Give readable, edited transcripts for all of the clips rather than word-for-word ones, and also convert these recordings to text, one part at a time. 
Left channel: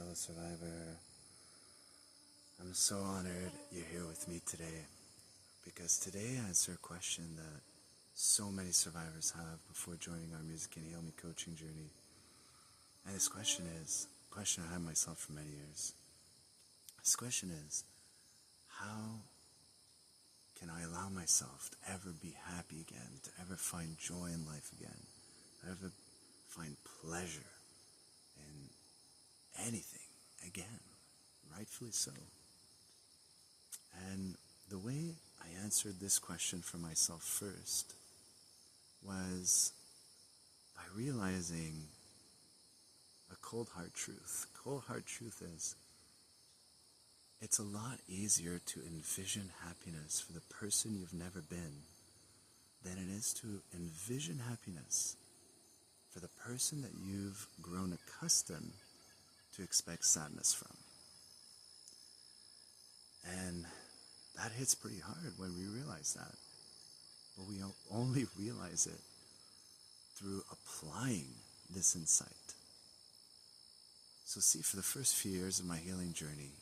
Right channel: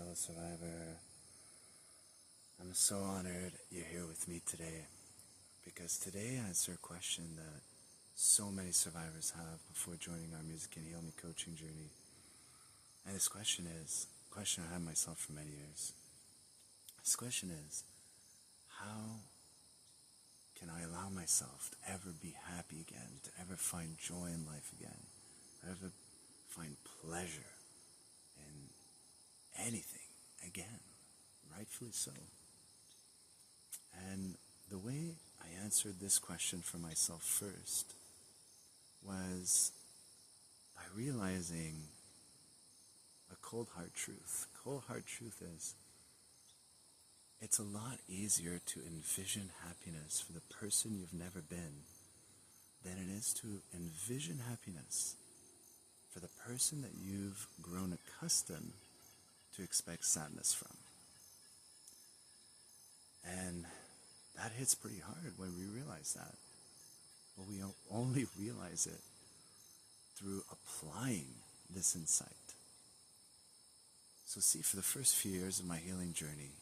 fellow survivor. I'm so honored you're here with me today, because today I answer a question that so many survivors have before joining our Music Can Heal Me coaching journey. And this question is a question I have myself for many years. This question is, how can I allow myself to ever be happy again, to ever find joy in life again, to ever find pleasure in anything again, rightfully so. And the way I answered this question for myself first was by realizing a cold hard truth. Cold hard truth is, it's a lot easier to envision happiness for the person you've never been than it is to envision happiness for the person that you've grown accustomed to expect sadness from. And that hits pretty hard when we realize that. But we only realize it through applying this insight. So see, for the first few years of my healing journey,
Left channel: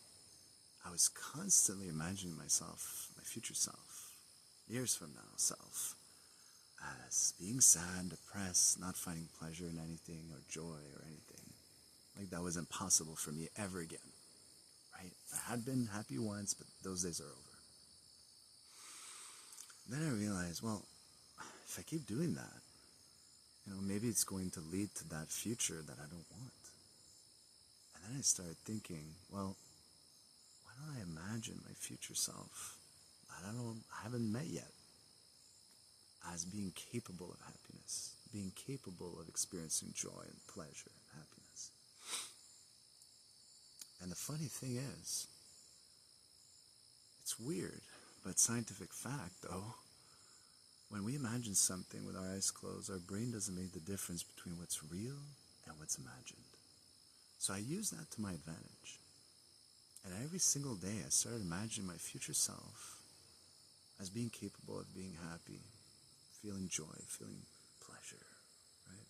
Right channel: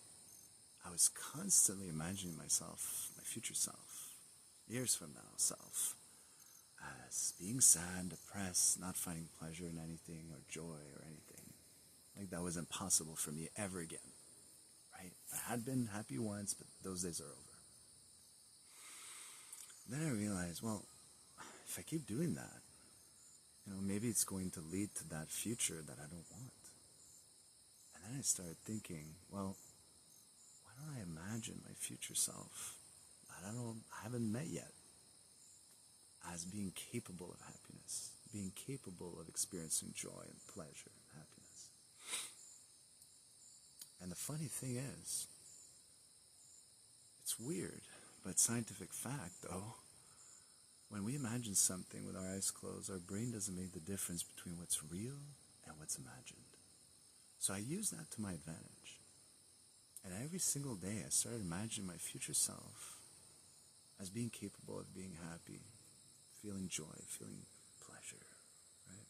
I was constantly imagining myself, my future self, years from now self, as being sad, depressed, not finding pleasure in anything or joy or anything. Like that was impossible for me ever again, right? I had been happy once, but those days are over. Then I realized, well, if I keep doing that, maybe it's going to lead to that future that I don't want. And then I started thinking, well, why don't I imagine my future self that I haven't met yet as being capable of happiness, being capable of experiencing joy and pleasure and happiness. And the funny thing is, it's weird, but scientific fact though, when we imagine something with our eyes closed, our brain doesn't make the difference between what's real and what's imagined. So I use that to my advantage. And every single day I started imagining my future self as being capable of being happy, feeling joy, feeling pleasure, right?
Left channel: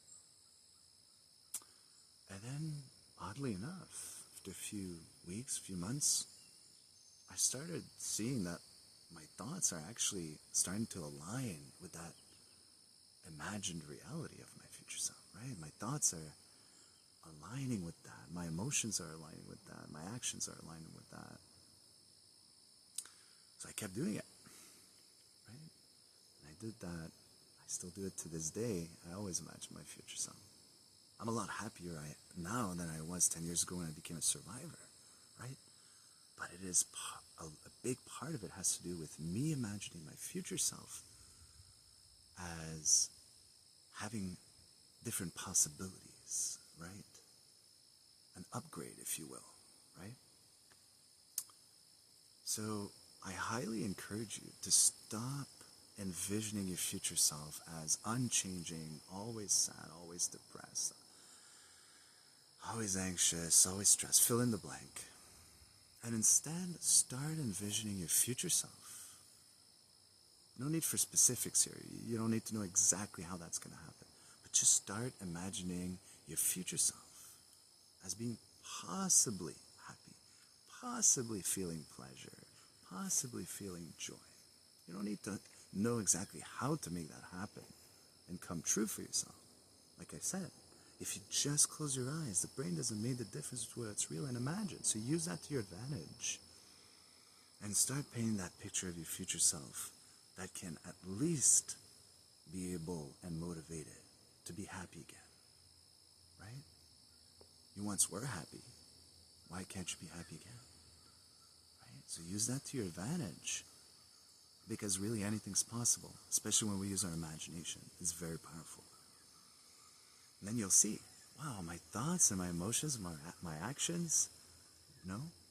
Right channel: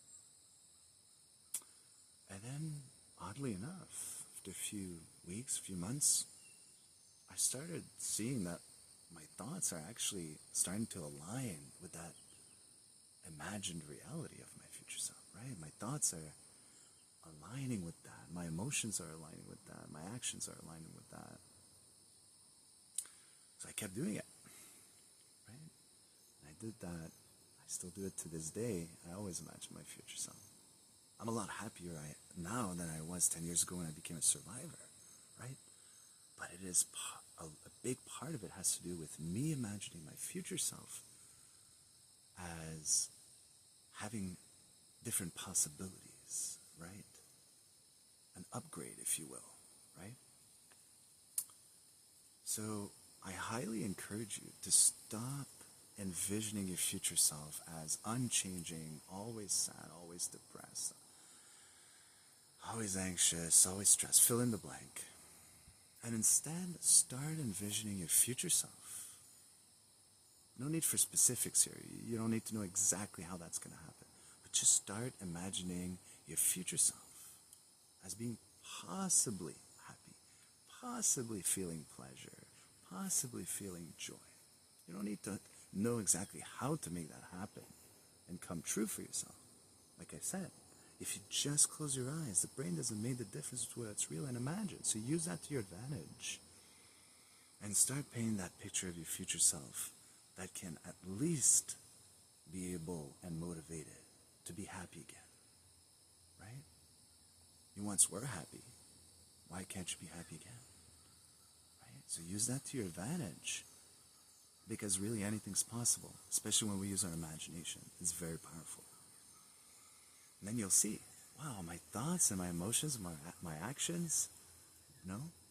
And then, oddly enough, after a few weeks, a few months, I started seeing that my thoughts are actually starting to align with that imagined reality of my future self, right? My thoughts are aligning with that. My emotions are aligning with that. My actions are aligning with that. So I kept doing it, right? And I did that. I still do it to this day. I always imagine my future self. I'm a lot happier now than I was 10 years ago when I became a survivor, right? But it is a big part of it has to do with me imagining my future self as having different possibilities, right? An upgrade, if you will, right? So I highly encourage you to stop envisioning your future self as unchanging, always sad, always depressed, always anxious, always stressed, fill in the blank. And instead, start envisioning your future self. No need for specifics here. You don't need to know exactly how that's going to happen. But just start imagining your future self as being possibly happy, possibly feeling pleasure, possibly feeling joy. You don't need to know exactly how to make that happen and come true for yourself. Like I said, if you just close your eyes, the brain doesn't make the difference between what's real and imagined. So use that to your advantage. And start painting that picture of your future self that can at least be able and motivated to be happy again. Right? You once were happy. Why can't you be happy again? Right? So use that to your advantage. Because really anything's possible, especially when we use our imagination. It's very powerful. And then you'll see, wow, my thoughts and my emotions and my actions,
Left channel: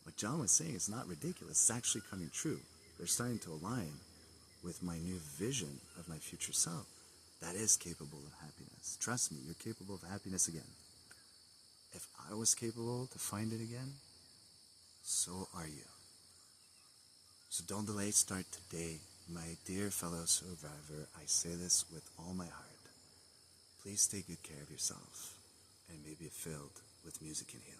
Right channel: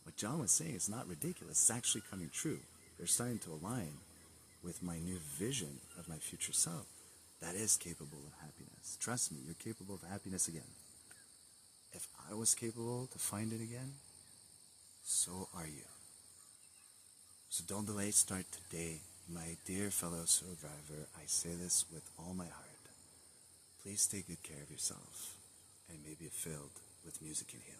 what John was saying is not ridiculous. It's actually coming true. They're starting to align with my new vision of my future self that is capable of happiness. Trust me, you're capable of happiness again. If I was capable to find it again, so are you. So don't delay, start today. My dear fellow survivor, I say this with all my heart. Please take good care of yourself and may be filled with music and heal.